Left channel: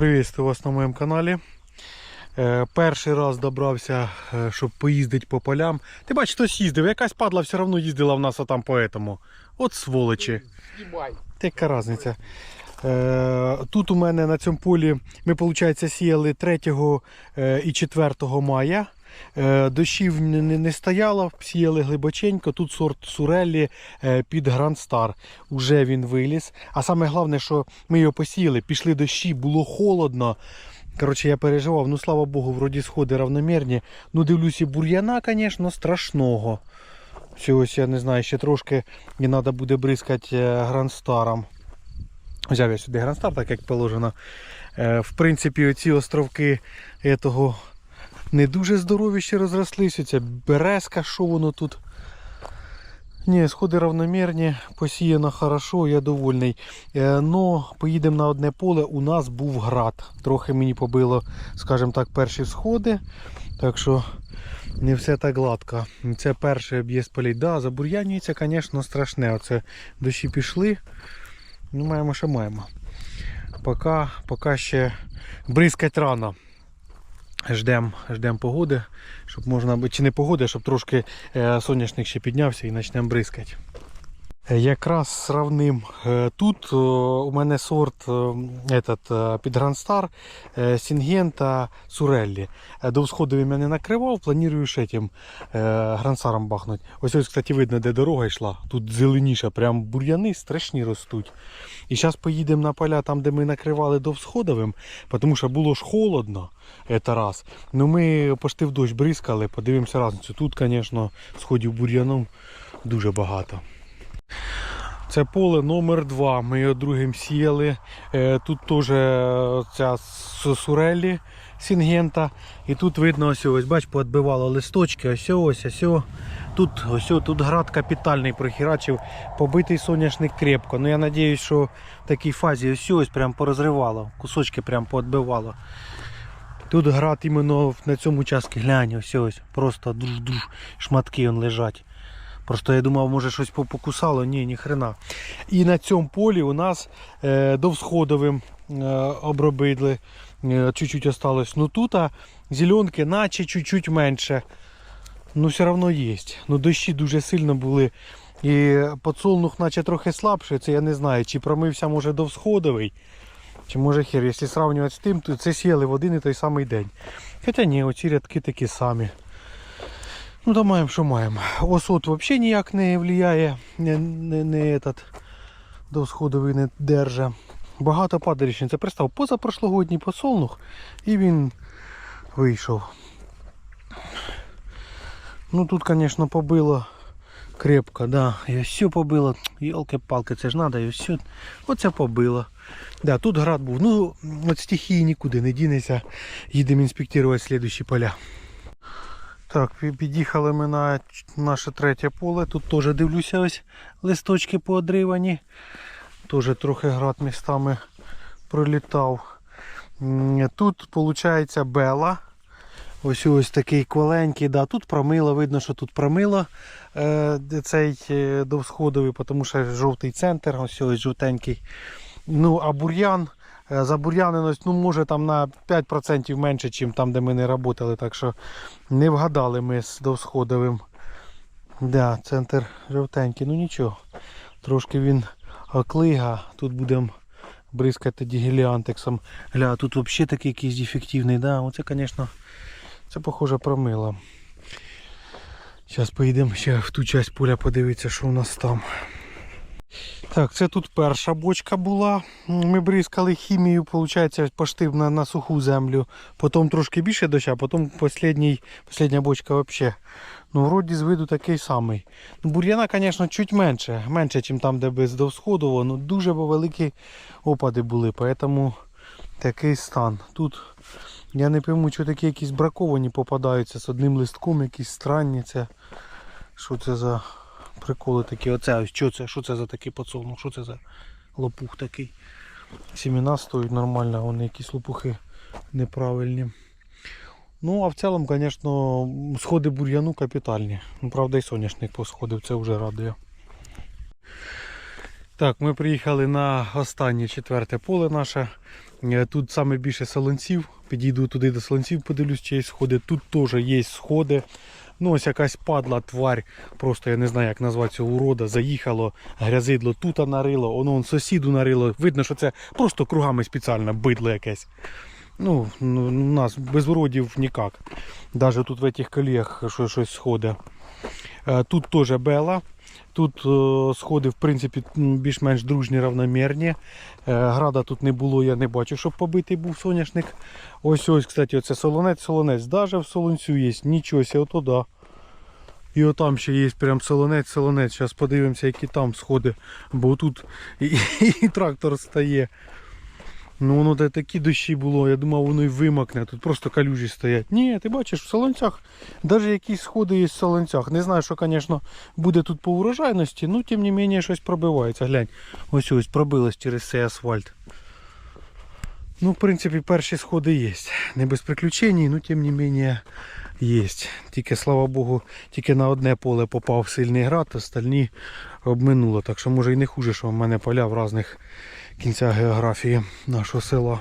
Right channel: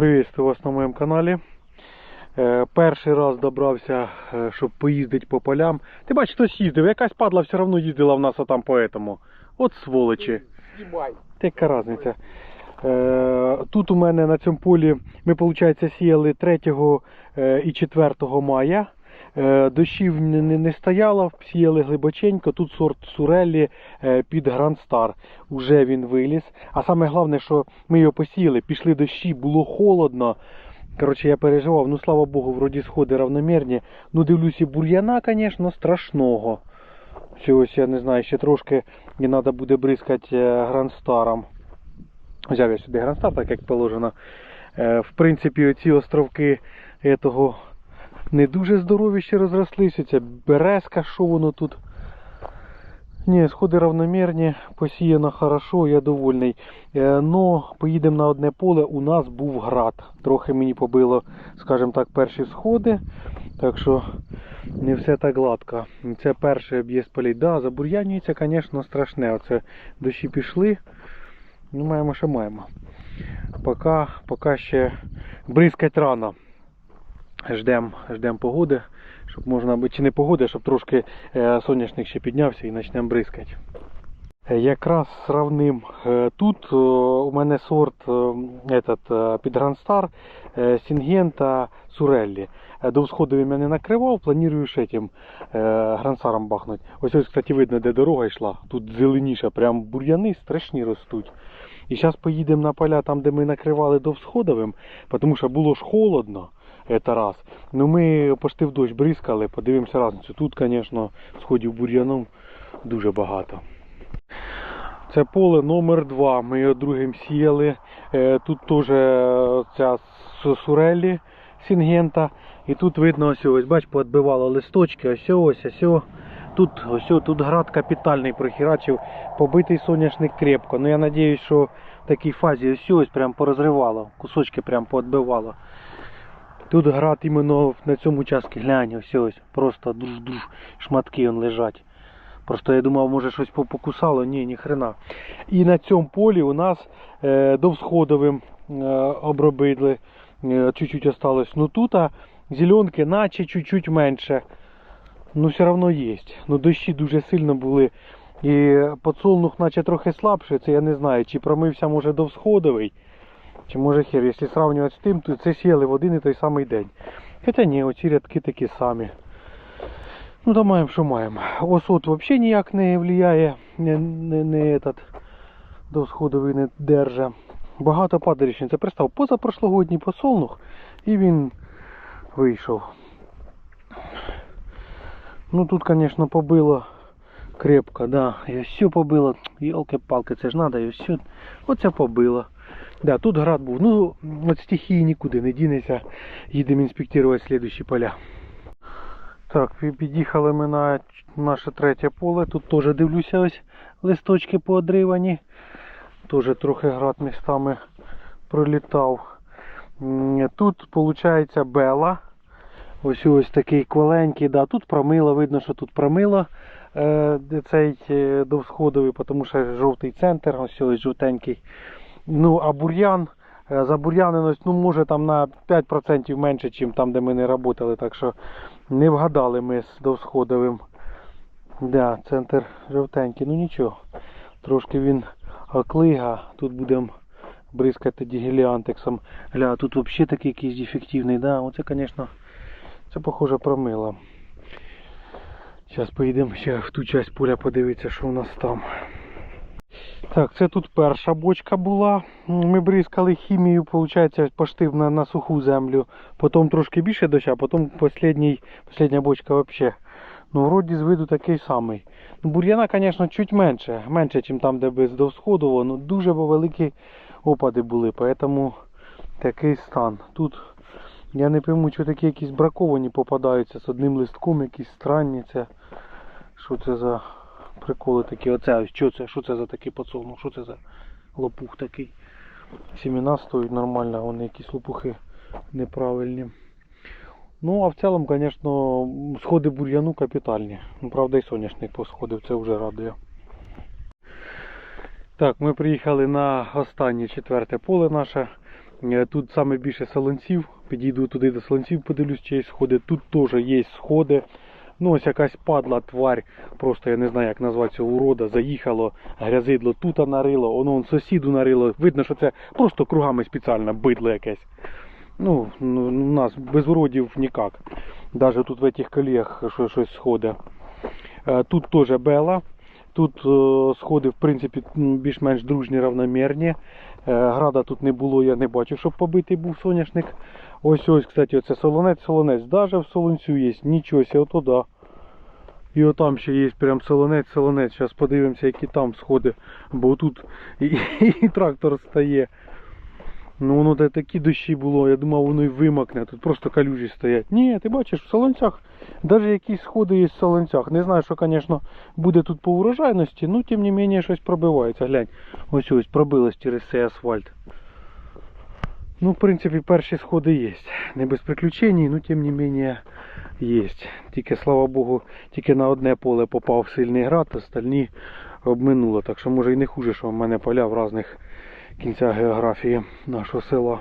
Приветствую вас на моєму каналі. Е, Перший раз добрався, е, щоб поїздити по полям. Ти бачиш, хтось їздив, якась падла все одно їздила в нас отам по этому. От сволочі. Яка різниця. Е, Тут у мене на цьому полі ми, виходить, сіяли 3 е, і 4 мая. Е, Дощів не, не, не стояло, сіяли глибоченько. Тут сорт Суреллі е, під Grand Star. Уже він виліз. А саме головне, що ми його посіяли, пішли дощі, було холодно. Коротше, я переживав, ну слава Богу, вроді сходи равномірні. Ну, дивлюся, бур'яна, звісно, страшного. Все, я не знаю, ще трошки і треба буде бризкати е, грандстаром. Взяв я сюди грандстар, так як положено. Е, В принципі, оці островки того не дуже здорові ще розрослися. Ця березка, що воно тут. Ні, сходи равномірні, посіяно хорошо, я довольний. Е, Но поїдемо на одне поле, у нас був град. Трохи мені побило, скажімо так, перші сходи. Так що не все так гладко. Це перший об'їзд полей. Да, забур'янюється, звісно, страшне. Оце дощі пішли. Ну, маємо, що маємо. Поки, поки ще бризкать рано. Ждемо ждем погоди, щоб можна чи не погоди, щоб трошки е, соняшник ще піднявся і почнемо бризкати. Е, Якраз сравним е, тут у мене сорт этот, під Грандстар Сінгента Суреллі. До всходовим я не накривав, планую ще тим грандстаром бахнути. Ось ось, кстати, видно, де дорога йшла. Тут зеленіше, прям бур'яни страшні ростуть. І зараз поїдемо на поля там, де ми накривали до всходовим, тому що було ж холодно. Це раз. Ну ми пошти в дощ бризкали, подивимося разницю. Тут, звісно, сходів бур'яном дуже багато. Це поле номер 2 Ми його другим сіяли. Е, Тут теж е, ця сурелі сінгента. І тут видно ось ось, бач, поотбивало листочки, ось ось ось. ось. Тут ось тут град капітальний прохерачив, побитий соняшник крепко. Ну я сподіваюся, що в такій фазі ось ось прям порозривало, кусочки прям поотбивало. Тут град іменно на цьому участку глянь, ось ось. Просто душ-душ, шматки он лежать. Просто я думав, може щось покусало, ні, ні хрена. І на цьому полі у нас е, довсходовим е, обробили, е, чуть-чуть осталось. Ну тут зеленки наче чуть-чуть менше. Ну все одно є. Ну дощі дуже сильно були. І подсолнух наче трохи слабший, це я не знаю, чи промився може довсходовий, чи може хер. Якщо сравнювати з тим, то це сіяли в один і той самий день. Хоча ні, оці рядки такі самі. Ну то маємо, що маємо. Осот взагалі ніяк не впливає, не, не, не этот, до сходовий не держа. Багато падалищин. Це пристав позапрошлогодній посолнух і він вийшов. Ну тут, звісно, побило крепко, да. І все побило. Йолки-палки, це ж треба, і все. Оце побило. Да, тут град був. Ну, от стихії нікуди не дінеться. Їдемо інспектувати слідчі поля. Так, під'їхали ми на наше третє поле. Тут теж дивлюся ось листочки поодривані. Теж трохи град містами пролітав. Тут виходить бела. Ось ось такий кваленький. Да. Тут промило, видно, що тут промило е, цей е, довсходовий, тому що жовтий центр, ось ось жовтенький. Ну, а бур'ян, е, забур'яненість, ну, може там на 5% менше, ніж там, де ми не працювали. Так що не вгадали ми з довсходовим. Да, центр жовтенький, ну нічого. Трошки він оклига. Тут будемо бризкати тоді. Гля, тут взагалі такий якийсь дефективний. Да, оце, звісно, це похоже промило. Зараз поїдемо ще в ту часть поля подивитися, що у нас там. Так, це тут перша бочка була. Ми бризкали хімію, виходить, пошти на, на суху землю. Потім трошки більше доща, потім послідній, послідня бочка взагалі. Ну, вроді з виду такий самий. Ну, бур'яна, звісно, чуть менше. Менше, ніж там, де без довсходово. Ну, дуже великі опади були, тому такий стан. Тут я не пойму, що такі якісь браковані попадаються з одним листком, якісь странні. Це, що це за приколи такі. Оце що це, що це за такий подсолнух, що це за лопух такий. Сімена стоять нормально, вони якісь лопухи неправильні. Ну, а в цілому, звісно, сходи бур'яну капітальні. Ну, правда, і соняшник посходив, це вже радує. Так, ми приїхали на останнє четверте поле наше. Е, Тут саме більше солонців. Підійду туди до солонців, подивлюсь, чи є сходи. Тут теж є сходи. Ну, ось якась падла тварь, просто я не знаю, як назвати цього урода, заїхало, грязидло тут нарило, воно он сусіду нарило. Видно, що це просто кругами спеціально бидло якесь. Ну, у нас без уродів ніяк. Навіть тут в цих коліях щось сходить. Е, Тут теж бела. Тут е, сходи, в принципі, більш-менш дружні, равномірні. Е, Града тут не було, я не бачу, щоб побитий був соняшник. Ось ось, кстати, оце солонець, солонець. Даже в солонцю є, нічого себе, ото да. І отам ще є прям солонець, солонець. Зараз подивимося, які там сходи. Бо тут і, і трактор стає. Ну воно такі дощі було, я думав, воно і вимокне. Тут просто калюжі стоять. Ні, ти бачиш, в солонцях, навіть якісь сходи є в солонцях. Не знаю, що, звісно, буде тут по урожайності, ну тим не менше щось пробивається. Глянь, ось ось пробилось через цей асфальт. Ну, в принципі, перші сходи є. Не без приключень, ну тим не менше є. Тільки, слава Богу, тільки на одне поле попав сильний град, остальні обминуло. Так що може і не хуже, що в мене поля в різних кінцях географії нашого села.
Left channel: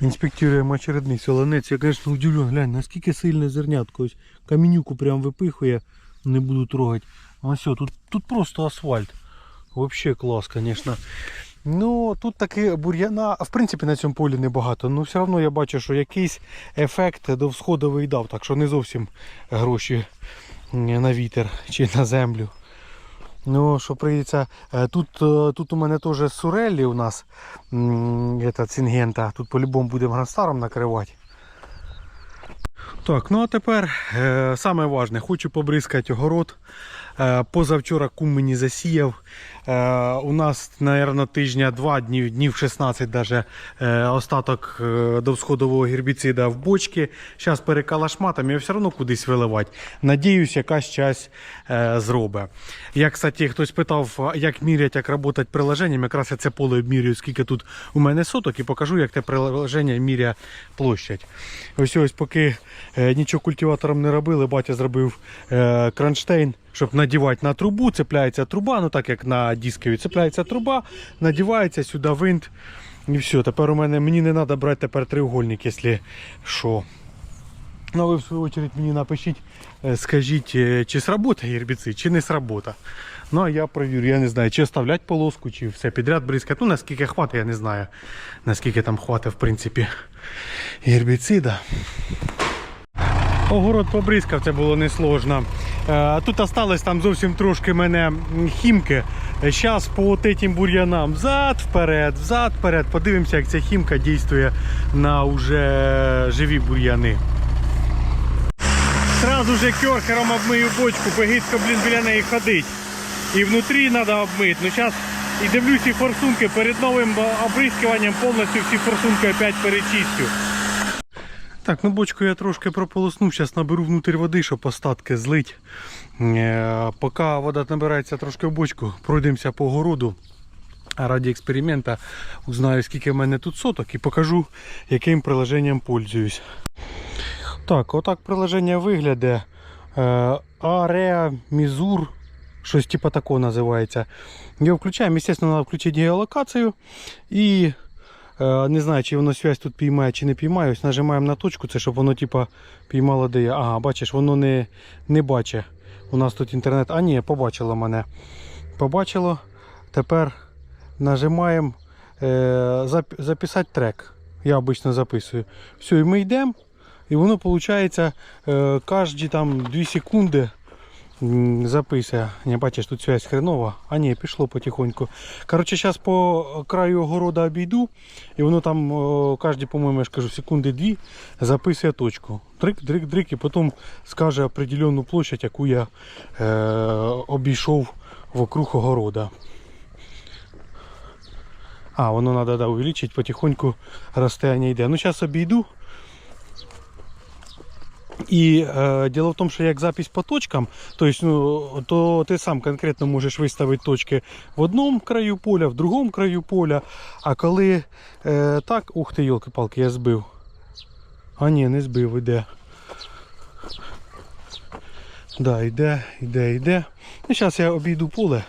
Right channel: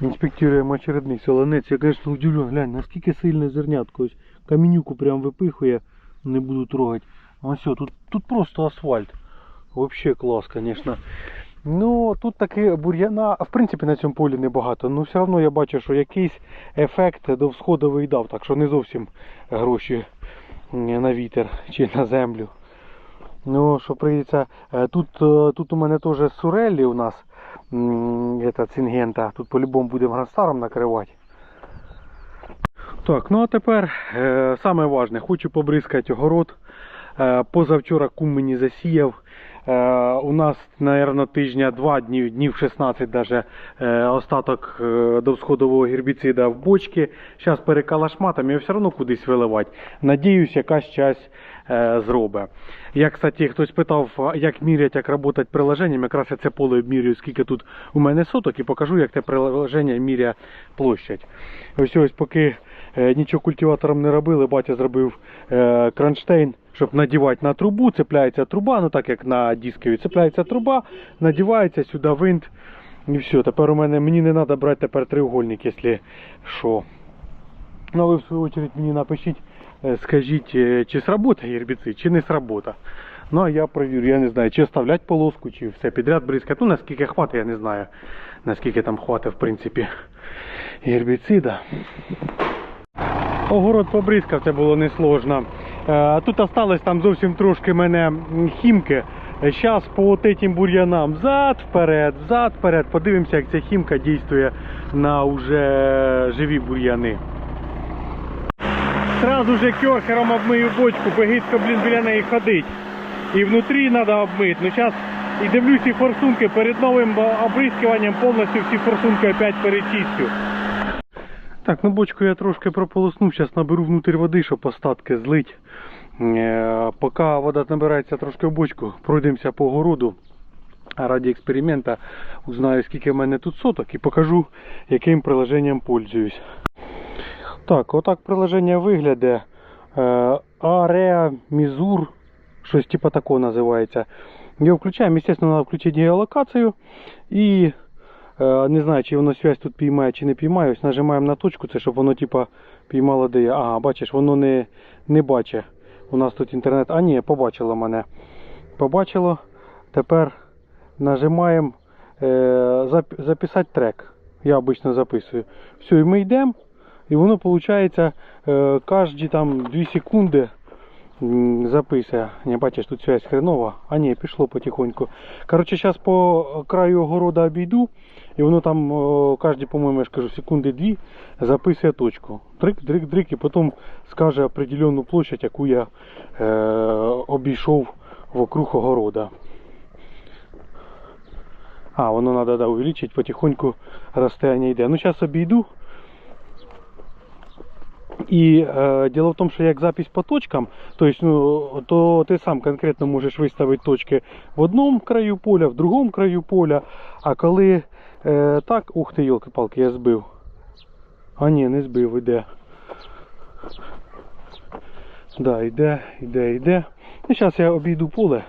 Інспектуємо очередний солонець. Я, звісно, удивлен, глянь, наскільки сильне зернятко. Ось камінюку прям випихує, не буду трогати. Все, тут, тут просто асфальт. Вообще клас, звісно. Ну, тут таки бур'яна, в принципі, на цьому полі небагато. Ну, все одно я бачу, що якийсь ефект до всходовий дав, так що не зовсім гроші на вітер чи на землю. Ну, що прийдеться. е, Тут, е, тут у мене теж сурелі у нас м, цингента. Тут по-любому будемо гранстаром накривати. Так, ну а тепер е, саме важне, хочу побризкати огород. Позавчора кум мені засіяв. Е, у нас, мабуть, тижня два днів, днів 16 даже, е, остаток е, до всходового гербіцида в бочки. Зараз перекалашматом і все одно кудись виливати. Надіюсь, якась часть зробить. Я, кстати, хтось питав, як міряти, як працювати приложенням. Якраз я це поле обмірюю, скільки тут у мене соток, і покажу, як те приложення міряє площадь. Ось ось поки нічого культиватором не робили, батя зробив кронштейн, щоб надівати на трубу. Цепляється труба, ну так як на дискові, цепляється труба, надівається сюди винт. І все. Тепер у мене мені не треба брати тепер треугольник, якщо що. Ну ви в свою очередь мені напишіть, е, скажіть, е, чи сработає гербіцид, чи не сработа. Ну а я провірю, я не знаю, чи оставлять полоску, чи все підряд бризкати. Ну наскільки хватить, я не знаю. Наскільки там хватить, в принципі, гербіцида. Огород побризкав, це було несложно. Е, Тут осталось там зовсім трошки мене хімки. Зараз по от этим бур'янам взад, вперед, взад, вперед. Подивимося, як ця хімка дійствує на уже живі бур'яни. Сразу же керхером обмию бочку, бо гидко, блін, біля неї ходить. І внутрі треба обмити. Ну зараз і дивлюсь і форсунки перед новим обрискуванням повністю всі форсунки опять перечистю. Так, ну бочку я трошки прополоснув, зараз наберу внутрі води, щоб остатки злить. Е, Поки вода набирається трошки в бочку, пройдемося по городу. Раді експеримента узнаю, скільки в мене тут соток і покажу, яким приложенням пользуюсь. Так, отак приложення виглядає. Area Mizur, щось типу такого називається. Його включаємо, звісно, треба включити геолокацію. І не знаю, чи воно связь тут піймає, чи не піймає. Ось нажимаємо на точку, це щоб воно типу, піймало де я. Ага, бачиш, воно не, не бачить. У нас тут інтернет. А ні, побачило мене. Побачило. Тепер нажимаємо е, зап- записати трек. Я обично записую. Все, і ми йдемо. І воно виходить е, кожні там 2 секунди записує. Не бачиш, тут связь хренова. А ні, пішло потихоньку. Коротше, зараз по краю огорода обійду. І воно там кожні, по-моєму, я ж кажу, секунди дві записує точку. Дрик, дрик, дрик, і потім скаже определенну площадь, яку я е, обійшов вокруг огорода. А, воно треба да, увеличити, потихоньку розстояння йде. Ну, зараз обійду. І е, діло в тому, що як запись по точкам, то, есть, ну, то ти сам конкретно можеш виставити точки в одному краю поля, в другому краю поля. А коли е, так, ух ти, йолки-палки, я збив. А ні, не збив, іде. Да, йде, йде, йде. Ну, зараз я обійду поле.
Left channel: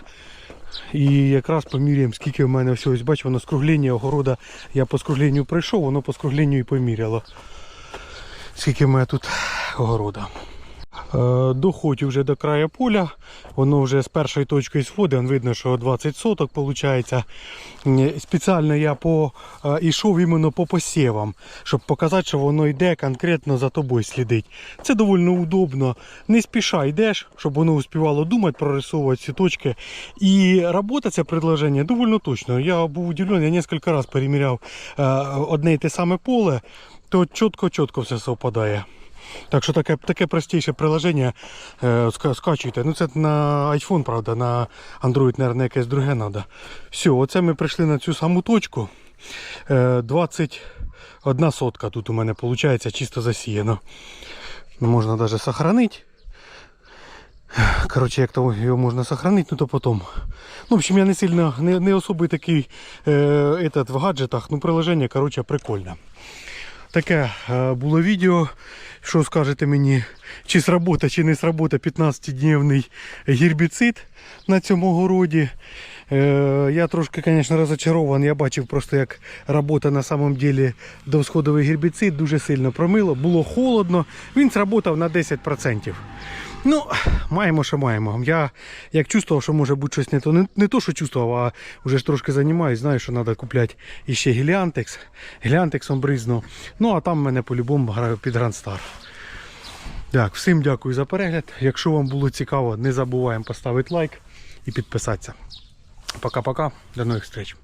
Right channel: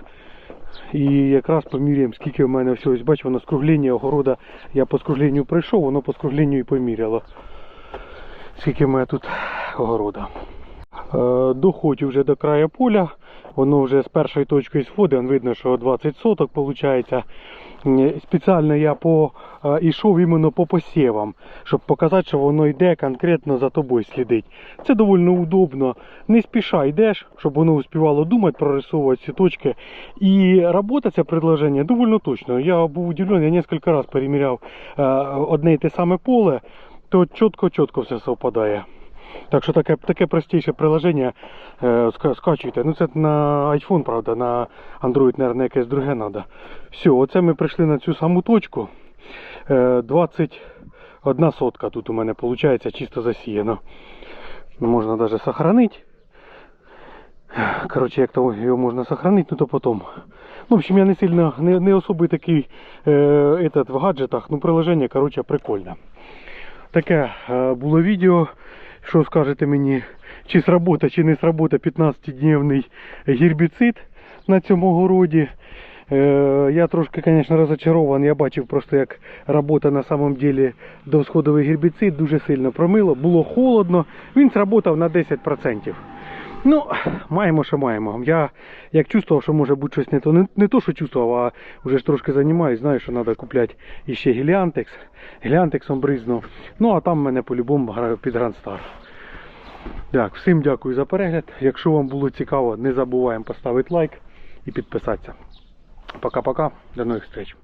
І якраз поміряємо, скільки в мене всього. Ось бачу, воно скругління огорода. Я по скругленню прийшов, воно по скругленню і поміряло. Скільки в мене тут огорода. Е, Доходжу вже до краю поля. Воно вже з першої точки сходить, видно, що 20 соток виходить. Спеціально я по, е, йшов іменно по посівам, щоб показати, що воно йде конкретно за тобою слідить. Це доволі удобно. Не спіша йдеш, щоб воно успівало думати, прорисовувати ці точки. І робота це предложення доволі точно. Я був удивлений, я кілька разів переміряв е, одне і те саме поле, то чітко-чітко все совпадає. Так що таке, таке простіше приложення е, ска- скачуйте. Ну це на iPhone, правда, на Android, мабуть, якесь друге треба. Все, оце ми прийшли на цю саму точку. Е, 21 сотка тут у мене виходить чисто засіяно. Можна навіть сохранити. Коротше, як то його можна сохранити, ну то потім. Ну, в общем, я не сильно, не, не особий такий е, этот, в гаджетах, ну приложення, коротше, прикольне. Таке е, було відео. Що скажете мені, чи сработа, чи не сработа 15-дневний гербіцид на цьому городі. Е, я трошки, звісно, розочарований. Я бачив просто, як робота на самом деле довсходовий гербіцид дуже сильно промило. Було холодно, він сработав на 10%. Ну, маємо, що маємо. Я як чувствував, що може бути щось не то. Не, не то, що чувствував, а вже ж трошки займаюся, знаю, що треба купляти іще геліантекс. Геліантексом бризнув. Ну, а там мене по-любому граю під Грандстар. Так, всім дякую за перегляд. Якщо вам було цікаво, не забуваємо поставити лайк і підписатися. Пока-пока, до нових зустріч.